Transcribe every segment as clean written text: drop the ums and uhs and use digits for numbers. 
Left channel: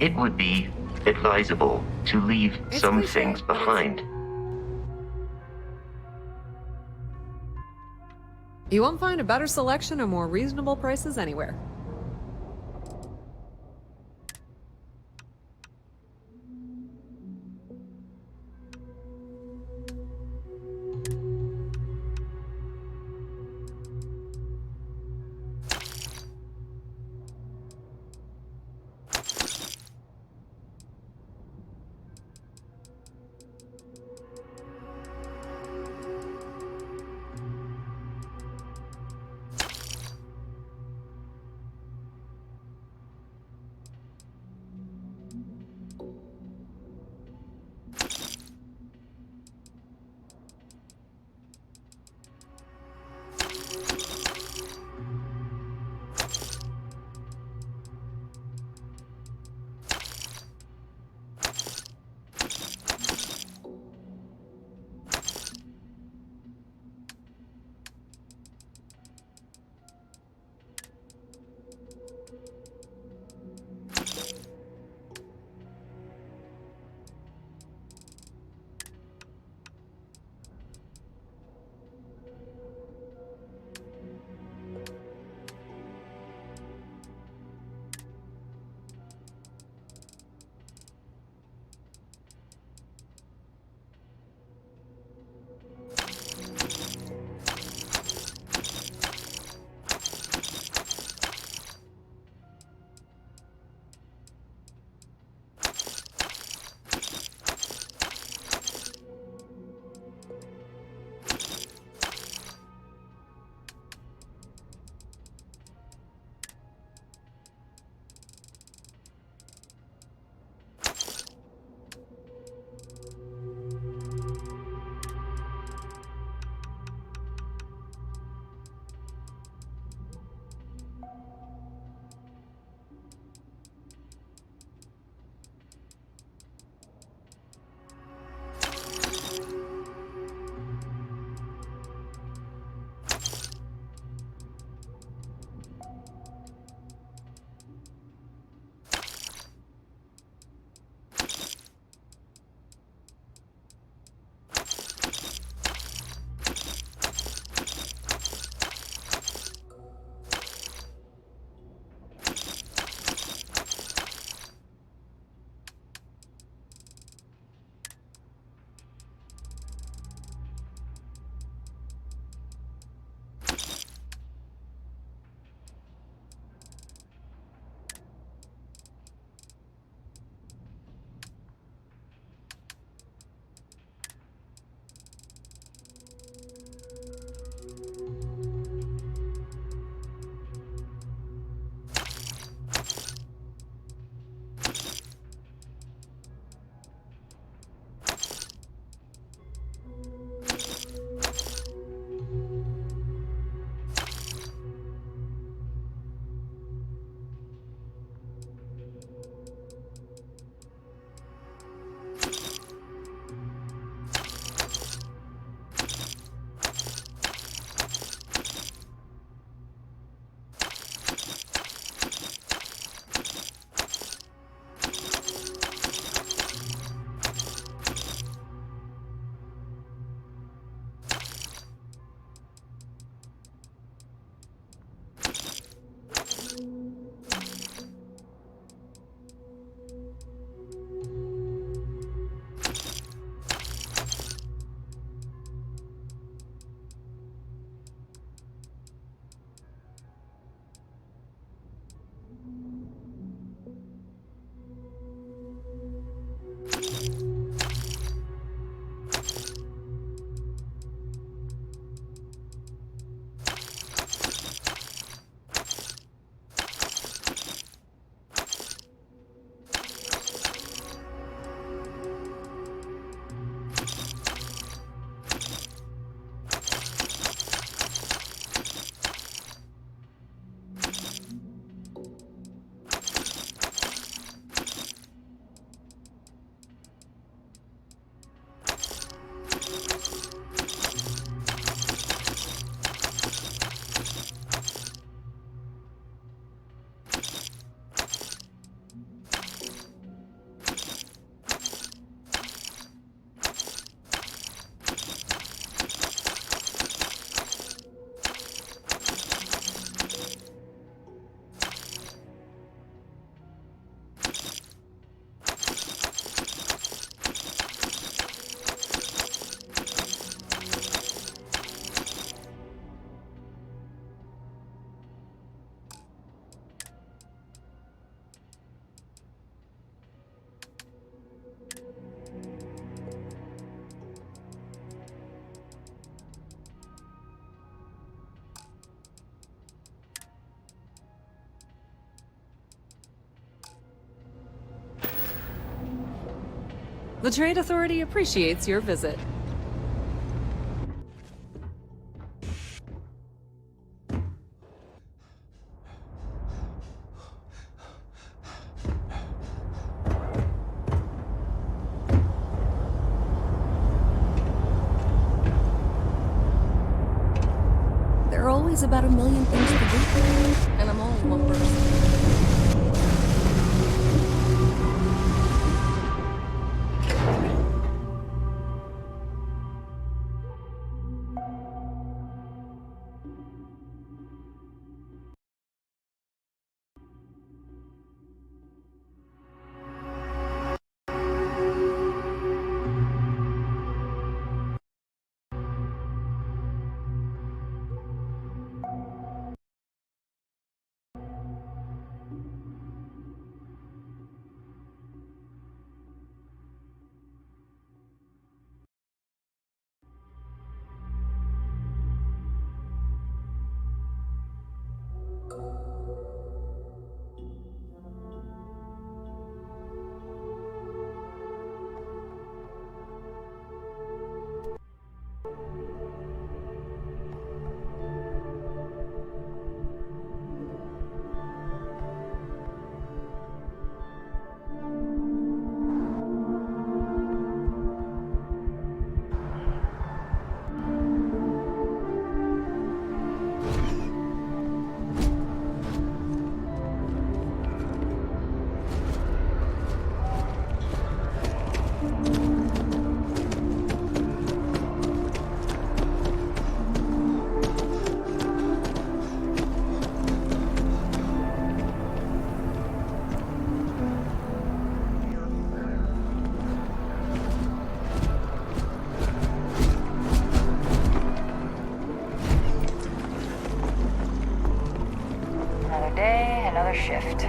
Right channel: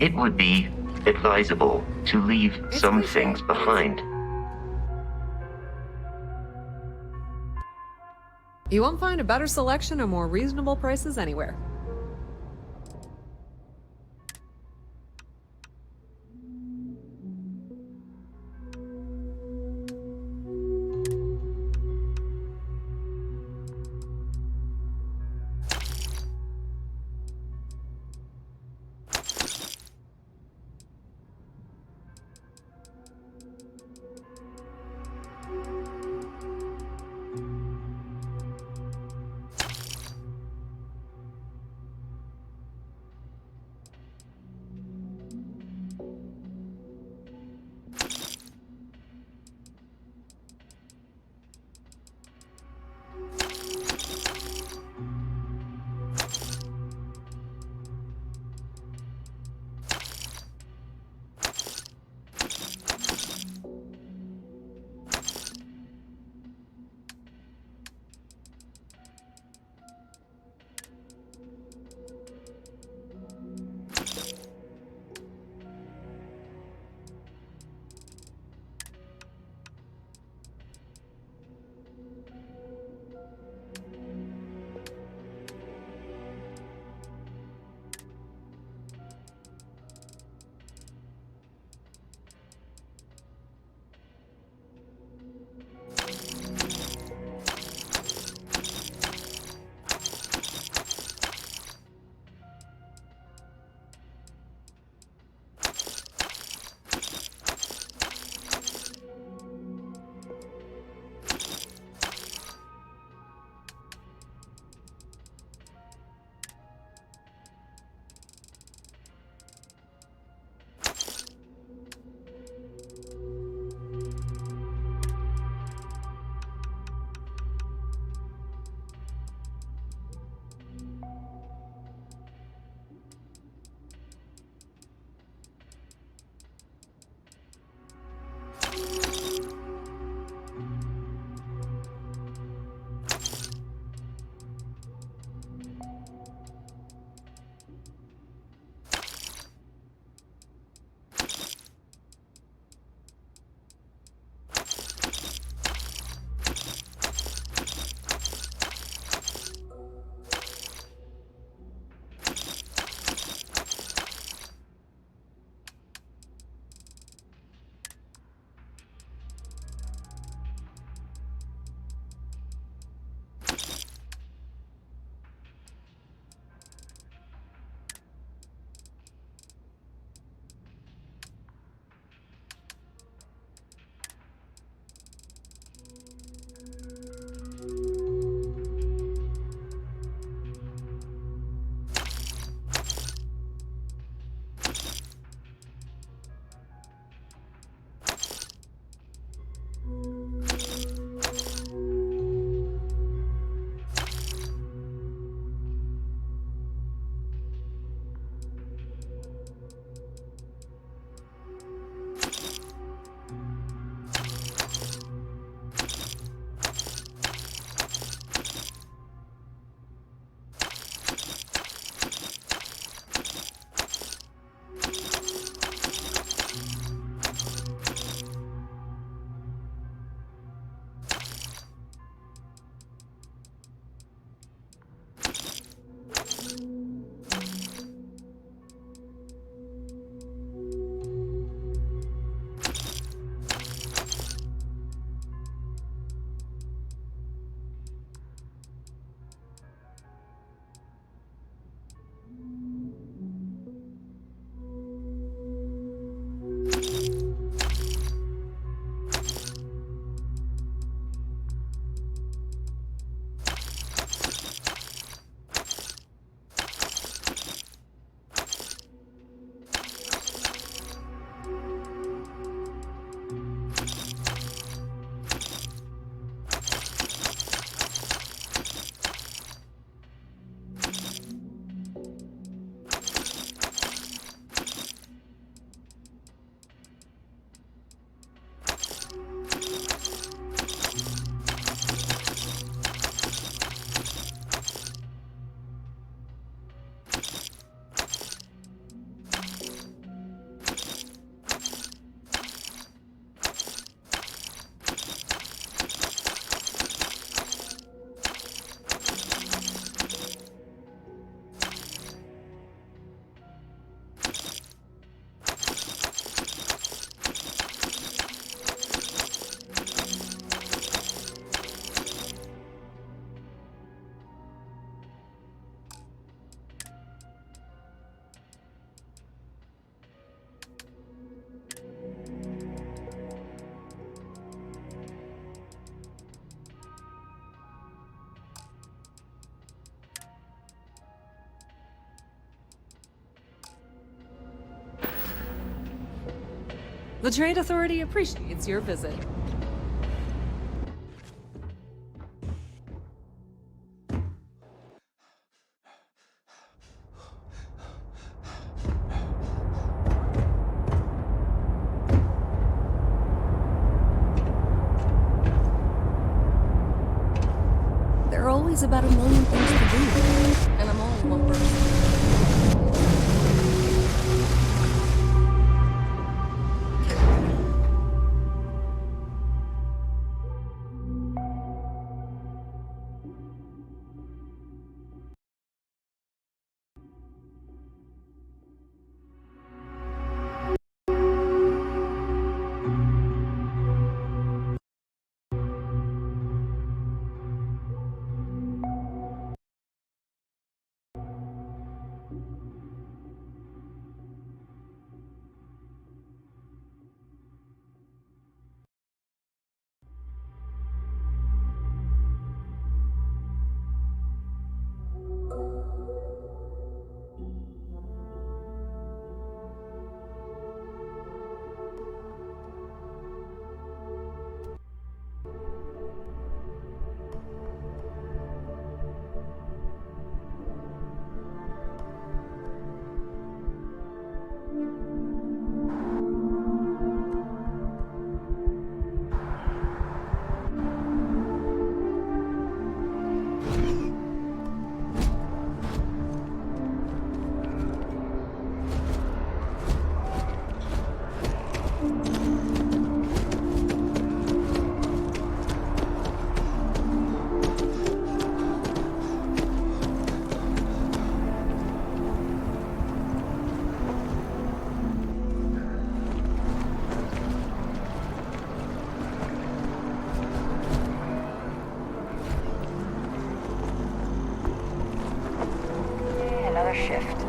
It would be advisable to leave some cliche, things but it's- behind. You won't find a better selection or more reasonable prices anywhere. The Trade Authority appreciates your visit. There are always about a million things to do, and I'm only one person. Another day, another shift.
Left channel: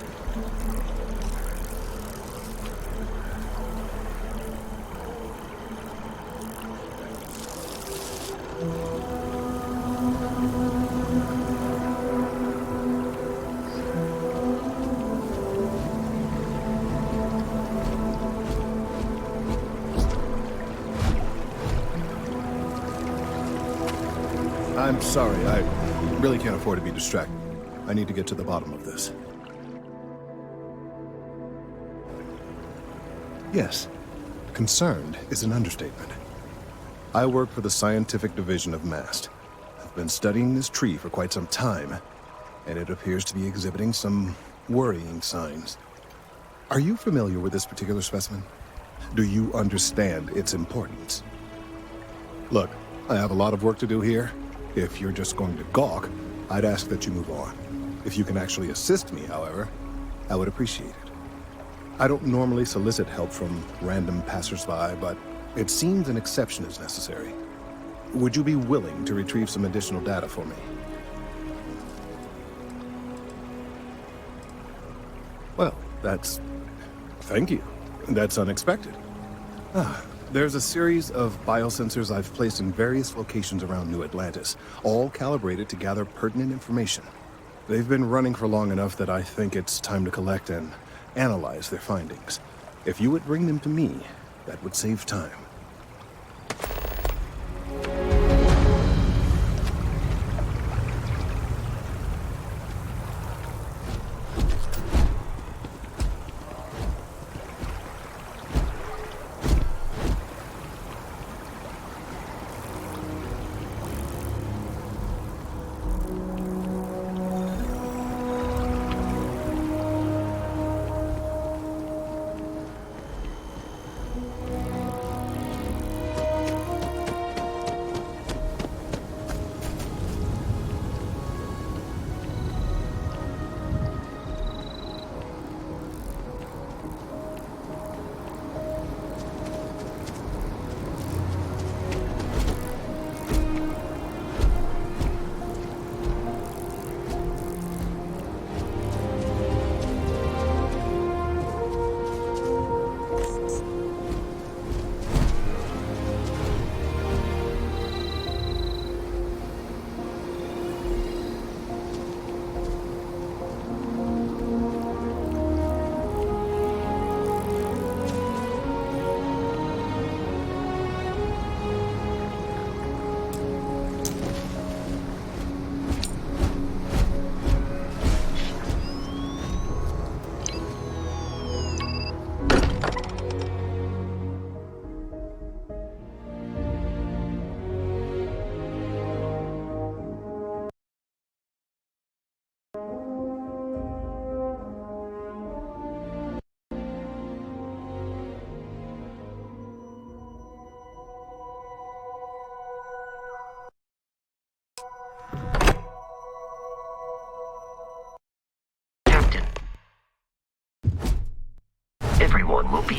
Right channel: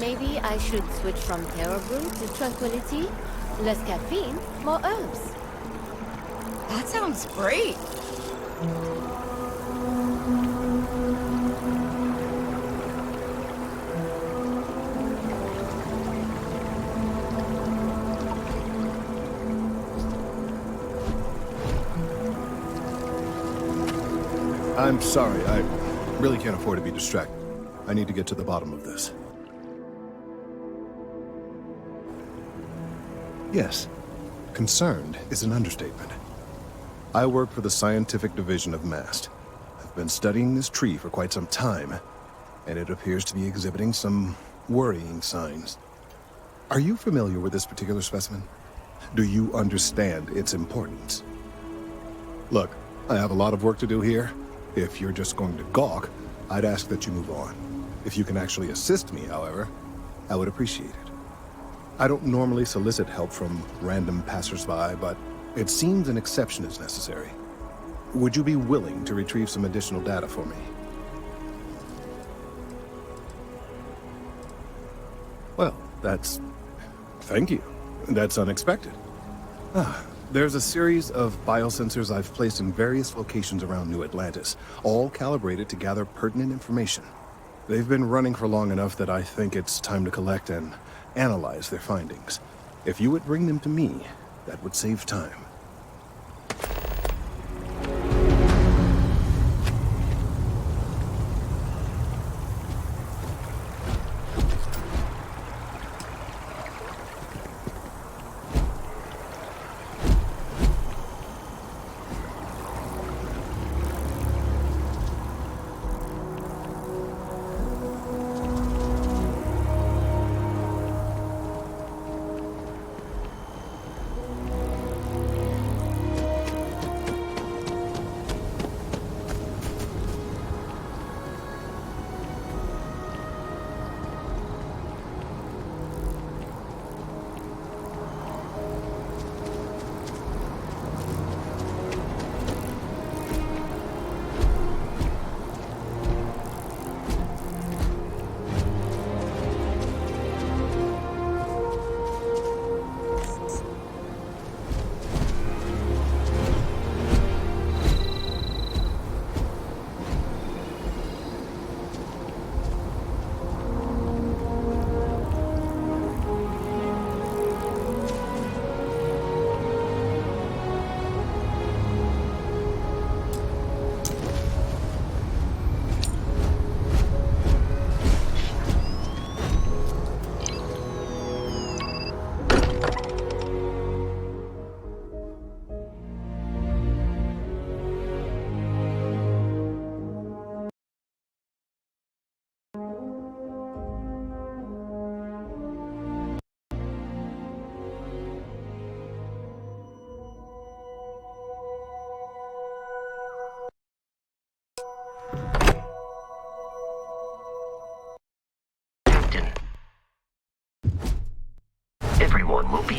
Maybe I should switch from terrible to tranquility. Less caffeine, more herbs. That sounds great. I'm sorry, I really can't afford to be distracted. I need to get to the bottom of this. Yes, concerned is an understatement. I work for the scientific division of MAST. I've been studying this tree for quite some time, and it appears to be exhibiting some worrying signs. Are you familiar with this particular specimen? Do you understand its importance? Look, I have a lot of work to do here. If you're just going to gawk, I'd ask that you move on. If you can actually assist me, however, I would appreciate it. I don't normally solicit help from random passersby, but it seems an exception is necessary. Would you be willing to retrieve some additional data for me? Well, thank you. That's unexpected. There's a series of biosensors I've placed in various locations around New Atlantis, all calibrated to gather pertinent information. They've been running for long enough that I think it's time to collect and analyze their findings. If you would bring them to me, that would save time.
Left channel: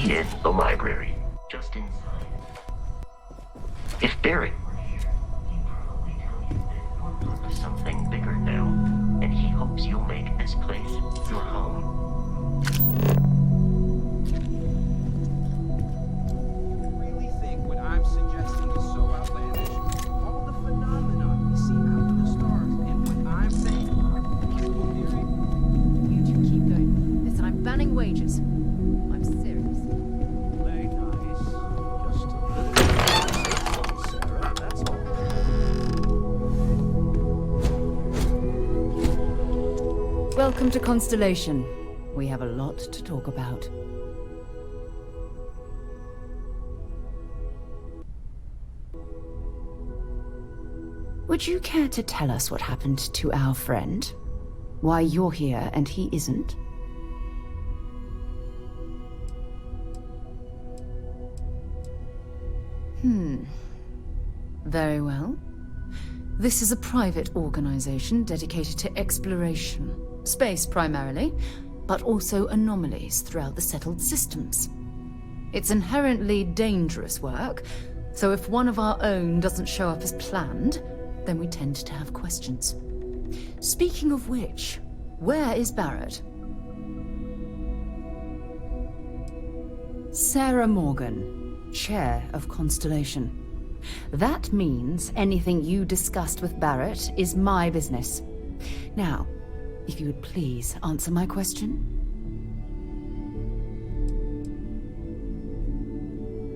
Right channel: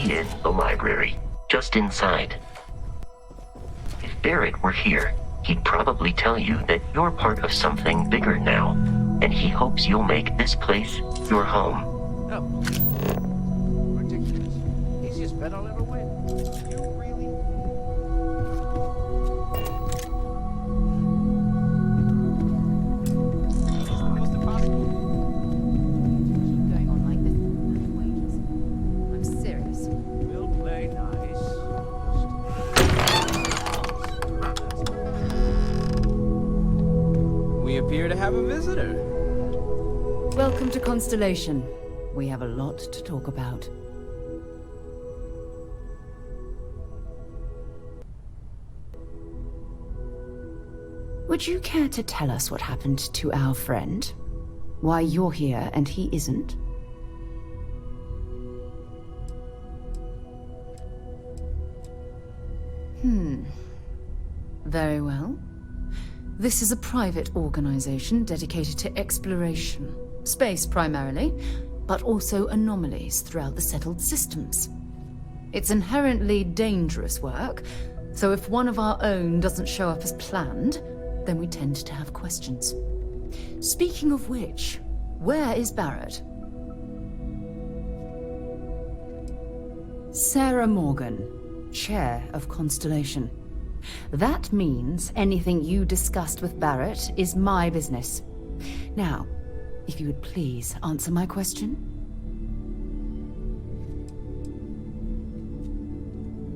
be in the library, just inside. If Barrett were here, he'd probably tell you that you're part of something bigger now, and he hopes you'll make this place your home. Ridiculous. Easiest bet I'll ever win. You really think what I'm suggesting is so outlandish? All the phenomena we see out in the stars, and what I'm saying is the most impossible theory? You two keep going on like this, and I'm banning wages. I'm serious. We'll play nice. Just a little sir, that's all. We appear to have a visitor. Welcome to Constellation. We have a lot to talk about. Would you care to tell us what happened to our friend? Why you're here and he isn't? Very well. This is a private organization dedicated to exploration. Space primarily, but also anomalies throughout the settled systems. It's inherently dangerous work, so if one of our own doesn't show up as planned, then we tend to have questions. Speaking of which, where is Barrett? Sarah Morgan, Chair of Constellation. That means anything you discussed with Barrett is my business. Now, if you would please answer my question.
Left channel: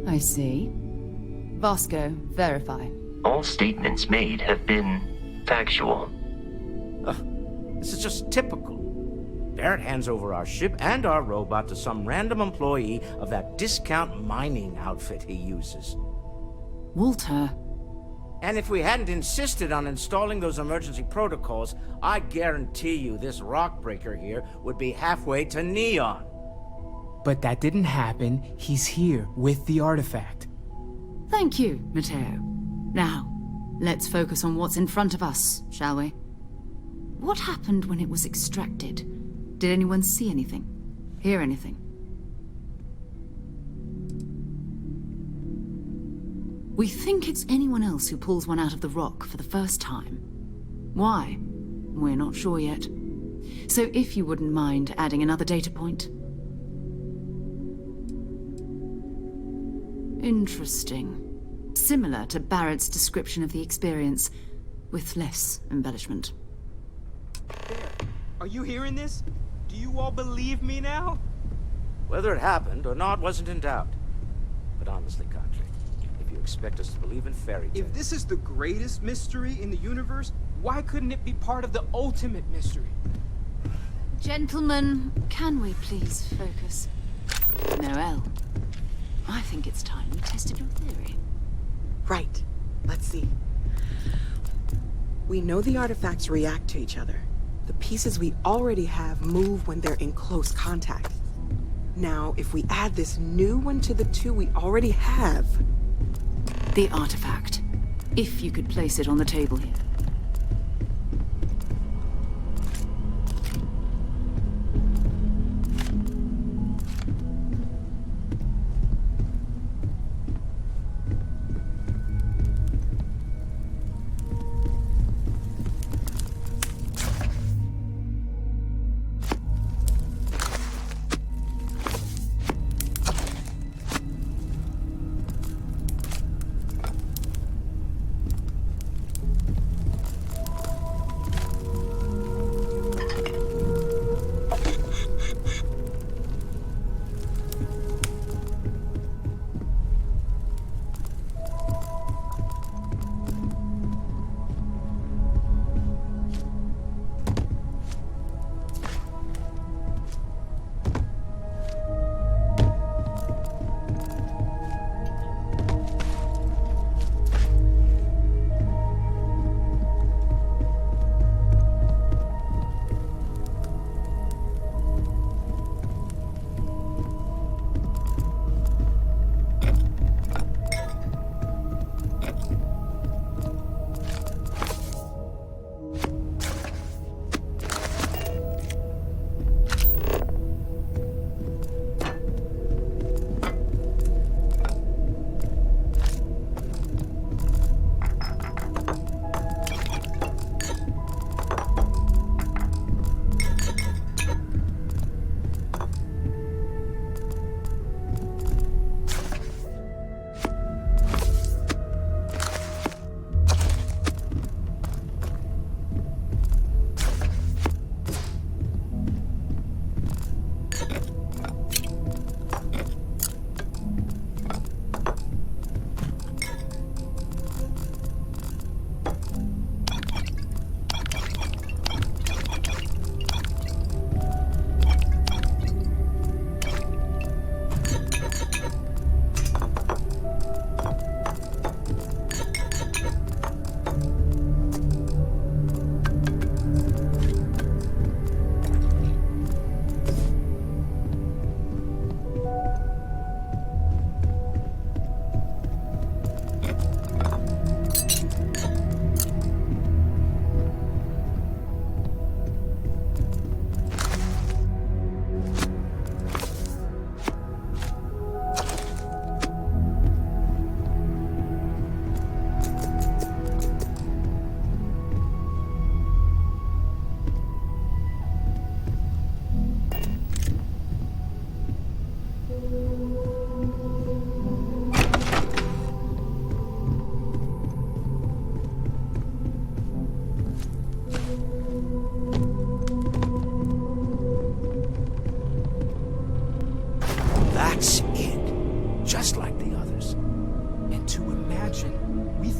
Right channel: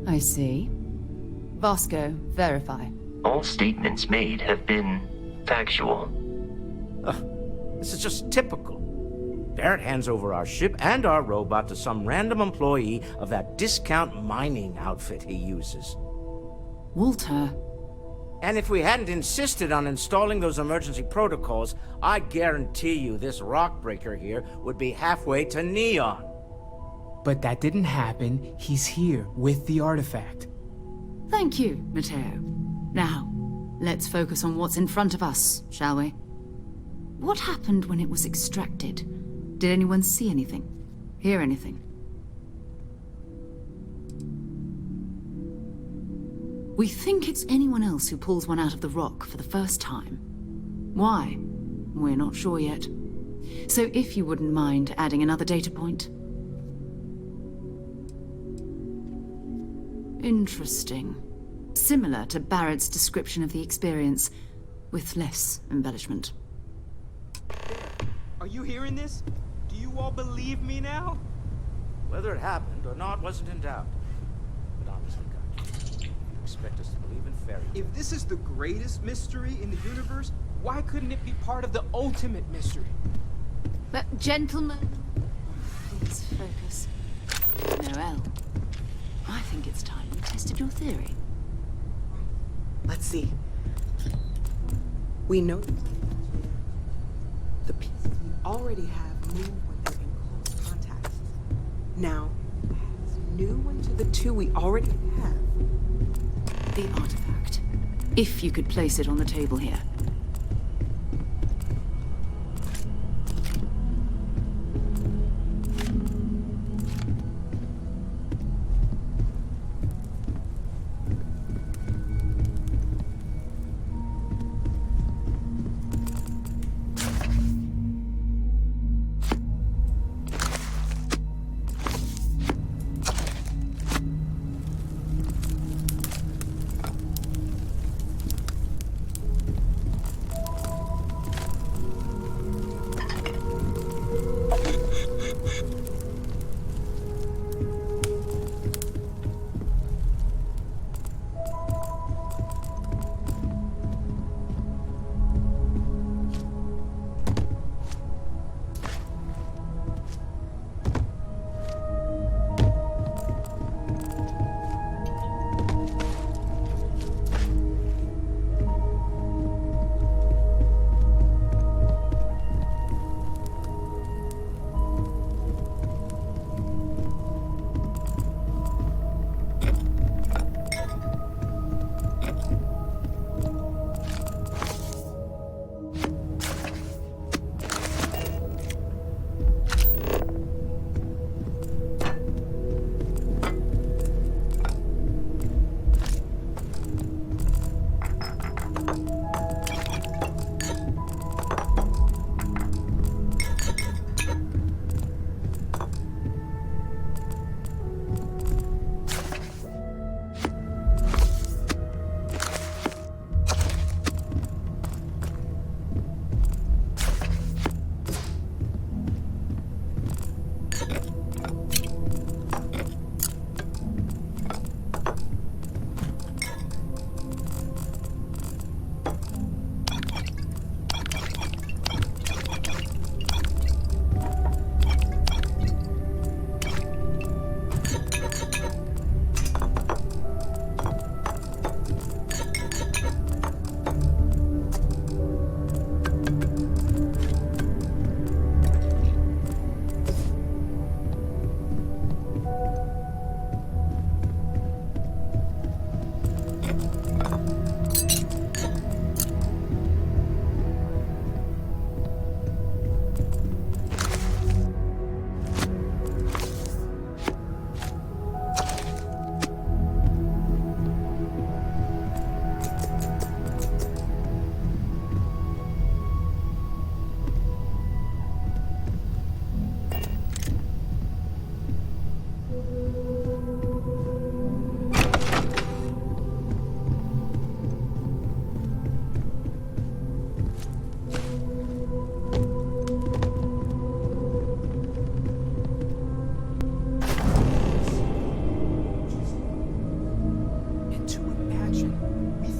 I see. Vasco, verify. All statements made have been factual. This is just typical. Barrett hands over our ship and our robot to some random employee of that discount mining outfit he uses. Walter. And if we hadn't insisted on installing those emergency protocols, I guarantee you this rock breaker here would be halfway to Neon. But that didn't happen. He's here with the artifact. Thank you, Matteo. Now, let's focus on what's in front of us, shall we? What happened when it was extracted? Did anyone see anything? Hear anything? We think it's anyone else who pulls one out of the rock for the first time. Why? We're not sure yet. So if you wouldn't mind adding another data point. Interesting. Similar to Barrett's description of the experience, with less embellishment. Are you hearing this? Do you all believe me now? Whether it happened or not wasn't in doubt. But honestly, Contra, if you expect us to believe in fairy tales... If this is the greatest mystery in the universe, why couldn't it be part of the ultimate mystery? But, gentlemen, can we please focus? Noelle, I think it's time you tested your theory. Right. Let's see. We know the artifacts react to each other. The pieces we already have move when they're in close contact. Now, if we add this new one to the two we already have... The artifact. If you could place it on the table here.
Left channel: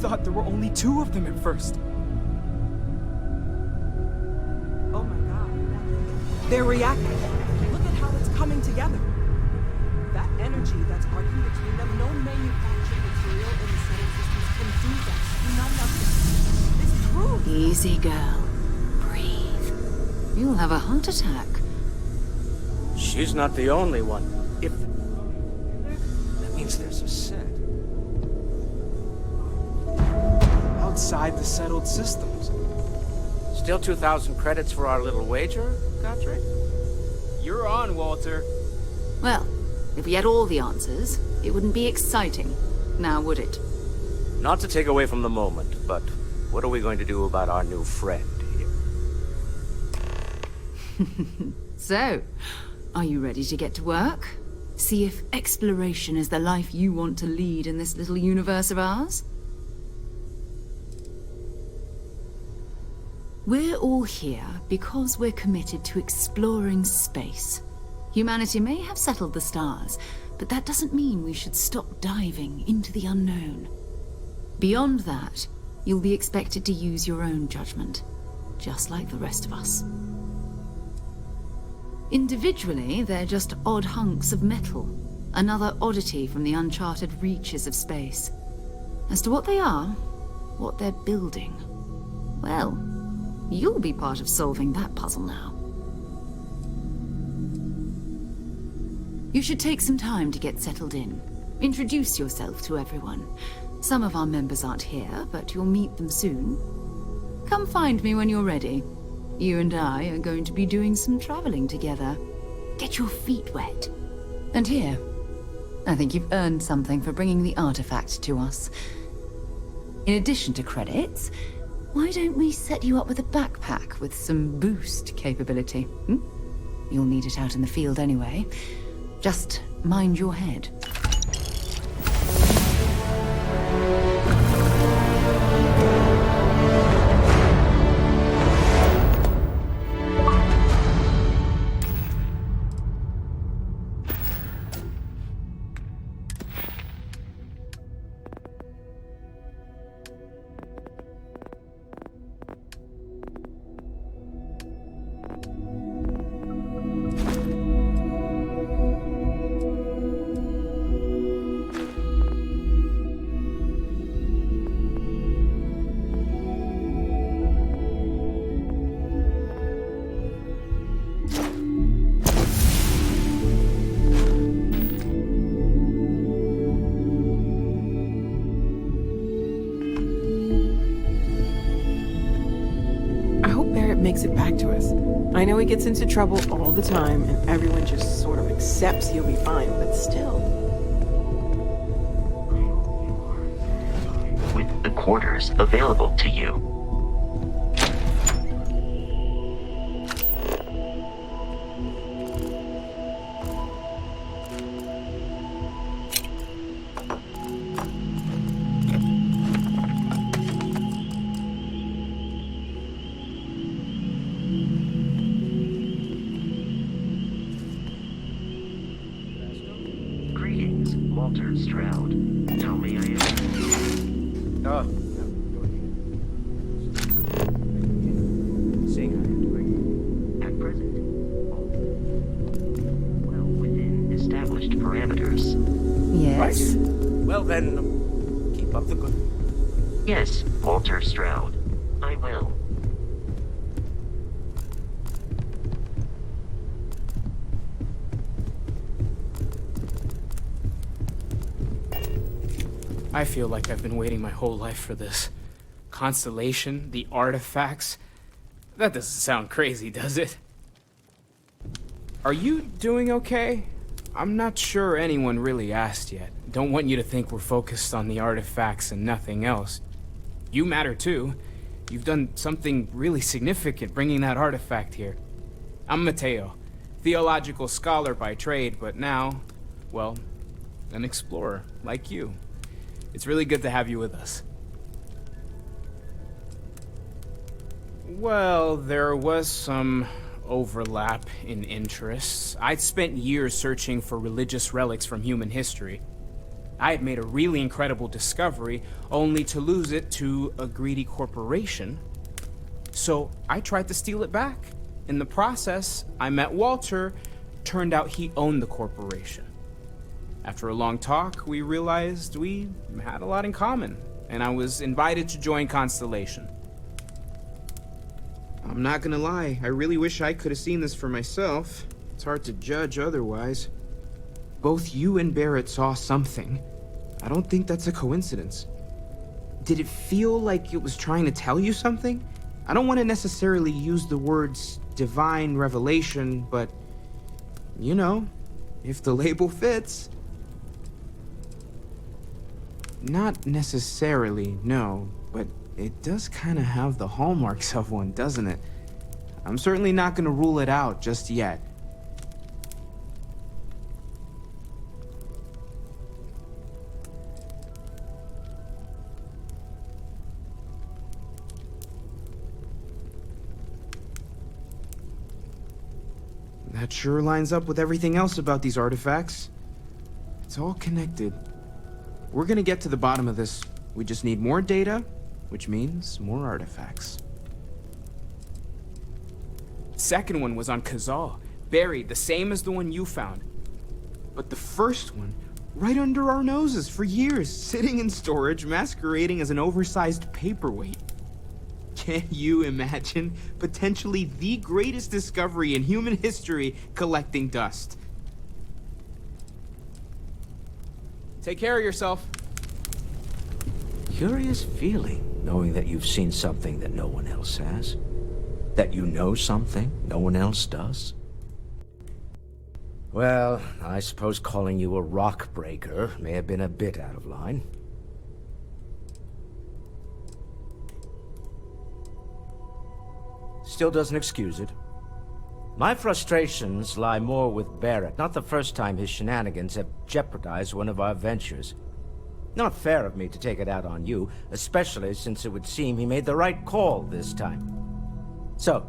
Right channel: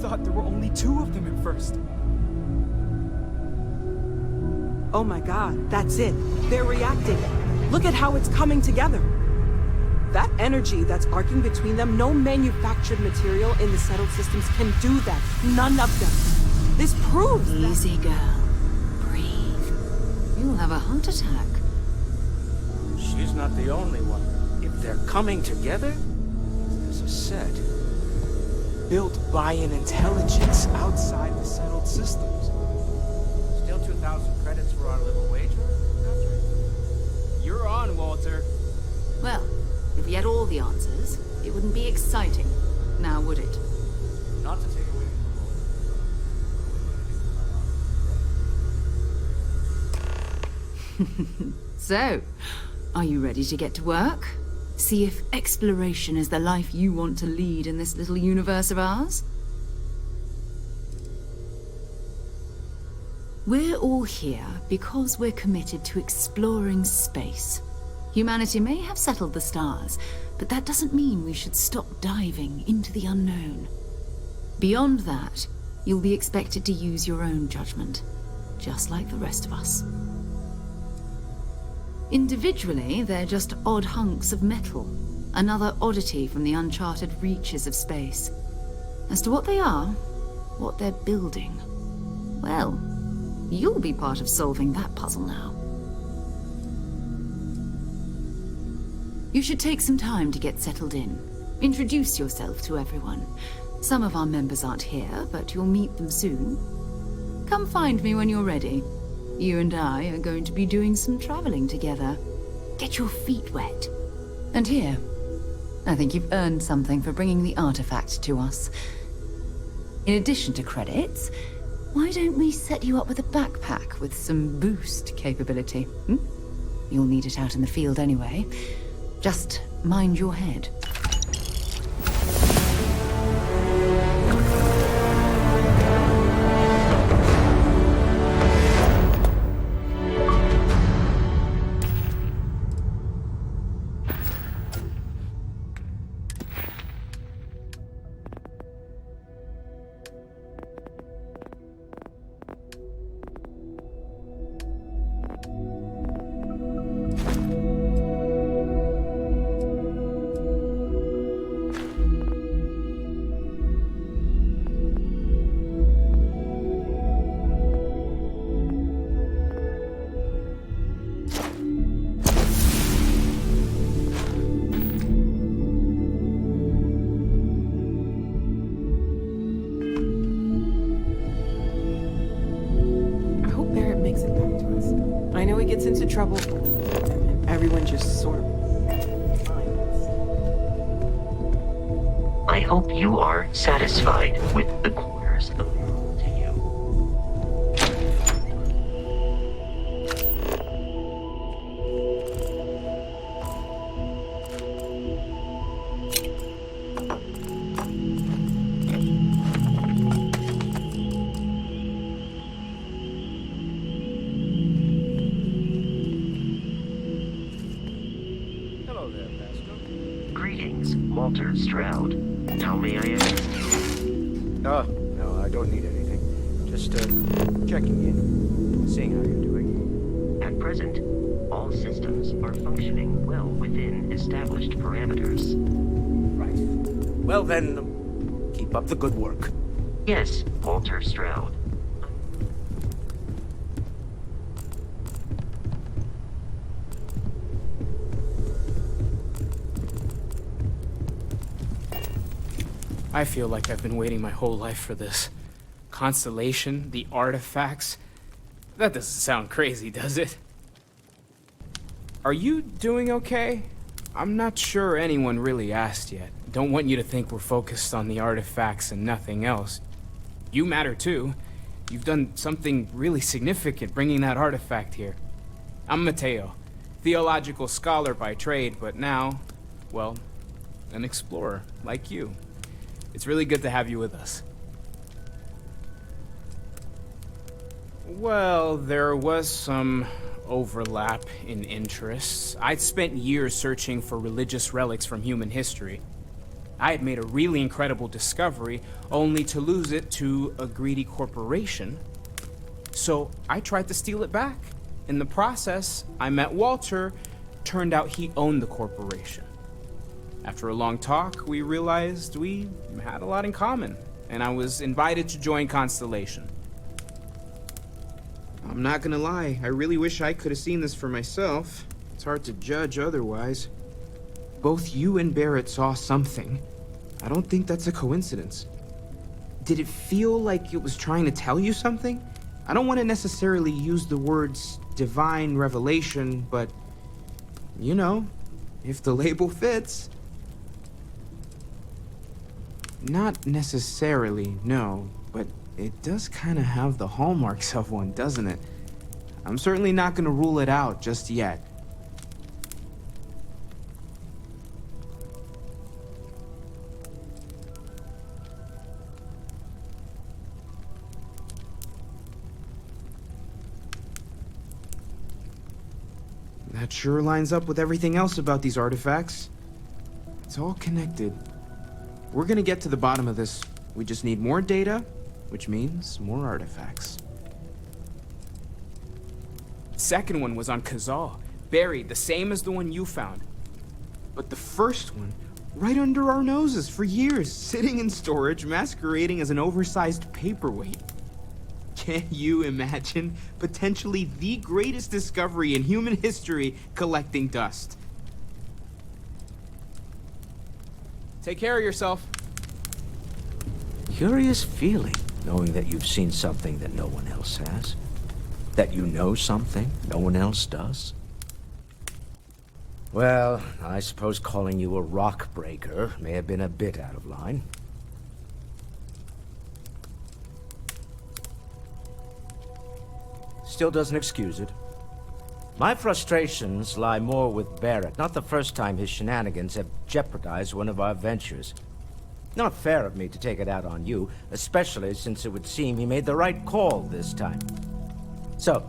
thought there were only 2 of them at first. Oh my god, that's it. They're reacting. Look at how it's coming together. That energy that's arcing between them, no manufactured material in the settled systems can do that. None of them. This proves that- Easy, girl. Breathe. You'll have a heart attack. She's not the only one. If they're coming together, that means there's a set. Built by an intelligence outside the settled systems. Still 2,000 credits for our little wager, Godfrey? You're on, Walter. Well, if we had all the answers, it wouldn't be exciting. Now, would it? Not to take away from the moment, but what are we going to do about our new friend here? So, are you ready to get to work? See if exploration is the life you want to lead in this little universe of ours? We're all here because we're committed to exploring space. Humanity may have settled the stars, but that doesn't mean we should stop diving into the unknown. Beyond that, you'll be expected to use your own judgment, just like the rest of us. Individually, they're just odd hunks of metal, another oddity from the uncharted reaches of space. As to what they are, what they're building, well, you'll be part of solving that puzzle now. You should take some time to get settled in. Introduce yourself to everyone. Some of our members aren't here, but you'll meet them soon. Come find me when you're ready. You and I are going to be doing some traveling together. Get your feet wet. And here, I think you've earned something for bringing the artifact to us. In addition to credits, why don't we set you up with a backpack with some boost capability? You'll need it out in the field anyway. Just mind your head. Makes it back to us. I know he gets into trouble all the time, and everyone just sort of accepts he'll be fine, but still. I hope you are satisfied with the quarters available to you. Walter Stroud. How may I assist you? Oh, no, I don't need anything. Just, checking in, seeing how you're doing. At present, all systems are functioning well within established parameters. Yes. Right. Well then, keep up the good work. Yes, Walter Stroud. I will. I feel like I've been waiting my whole life for this. Constellation, the artifacts. That doesn't sound crazy, does it? Are you doing okay? I'm not sure anyone really asked yet. Don't want you to think we're focused on the artifacts and nothing else. You matter too. You've done something really significant bringing that artifact here. I'm Matteo, theological scholar by trade, but now, well, an explorer like you. It's really good to have you with us. Well, there was some overlap in interests. I'd spent years searching for religious relics from human history. I had made a really incredible discovery, only to lose it to a greedy corporation. So I tried to steal it back. In the process, I met Walter. Turned out he owned the corporation. After a long talk, we realized we had a lot in common, and I was invited to join Constellation. I'm not gonna lie, I really wish I could have seen this for myself. It's hard to judge otherwise. Both you and Barrett saw something. I don't think that's a coincidence. Did it feel like it was trying to tell you something? I don't want to necessarily use the words divine revelation, but, you know, if the label fits. Not necessarily, no, but it does kind of have the hallmarks of one, doesn't it? I'm certainly not going to rule it out just yet. That sure lines up with everything else about these artifacts. It's all connected. We're gonna get to the bottom of this. We just need more data, which means more artifacts. Second one was on Kazal, buried, the same as the one you found. But the first one, right under our noses for years, sitting in storage, masquerading as an oversized paperweight. Can you imagine potentially the greatest discovery in human history collecting dust? Take care of yourself. Curious feeling, knowing that you've seen something that no one else has. That you know something no one else does. Well, I suppose calling you a rock breaker may have been a bit out of line. Still doesn't excuse it. My frustrations lie more with Barrett. Not the first time his shenanigans have jeopardized one of our ventures. Not fair of me to take it out on you, especially since it would seem he made the right call this time. So,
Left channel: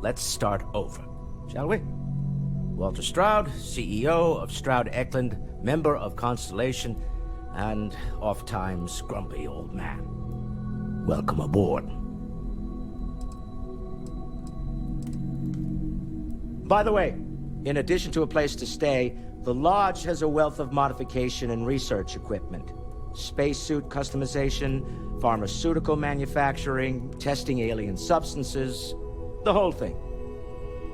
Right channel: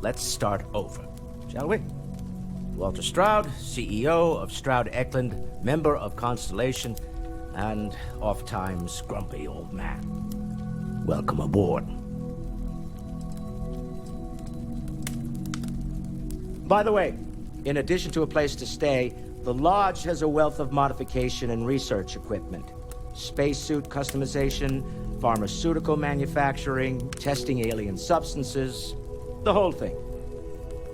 let's start over, shall we? Walter Stroud, CEO of Stroud Eklund, member of Constellation, and oft-times grumpy old man. Welcome aboard. By the way, in addition to a place to stay, the Lodge has a wealth of modification and research equipment. Spacesuit customization, pharmaceutical manufacturing, testing alien substances, the whole thing.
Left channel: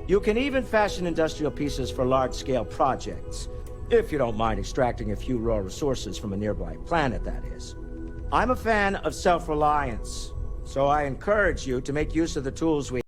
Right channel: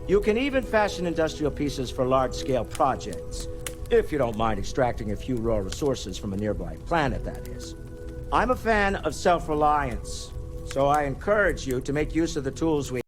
You can even fashion industrial pieces for large-scale projects, if you don't mind extracting a few raw resources from a nearby planet, that is. I'm a fan of self-reliance, so I encourage you to make use of the tools we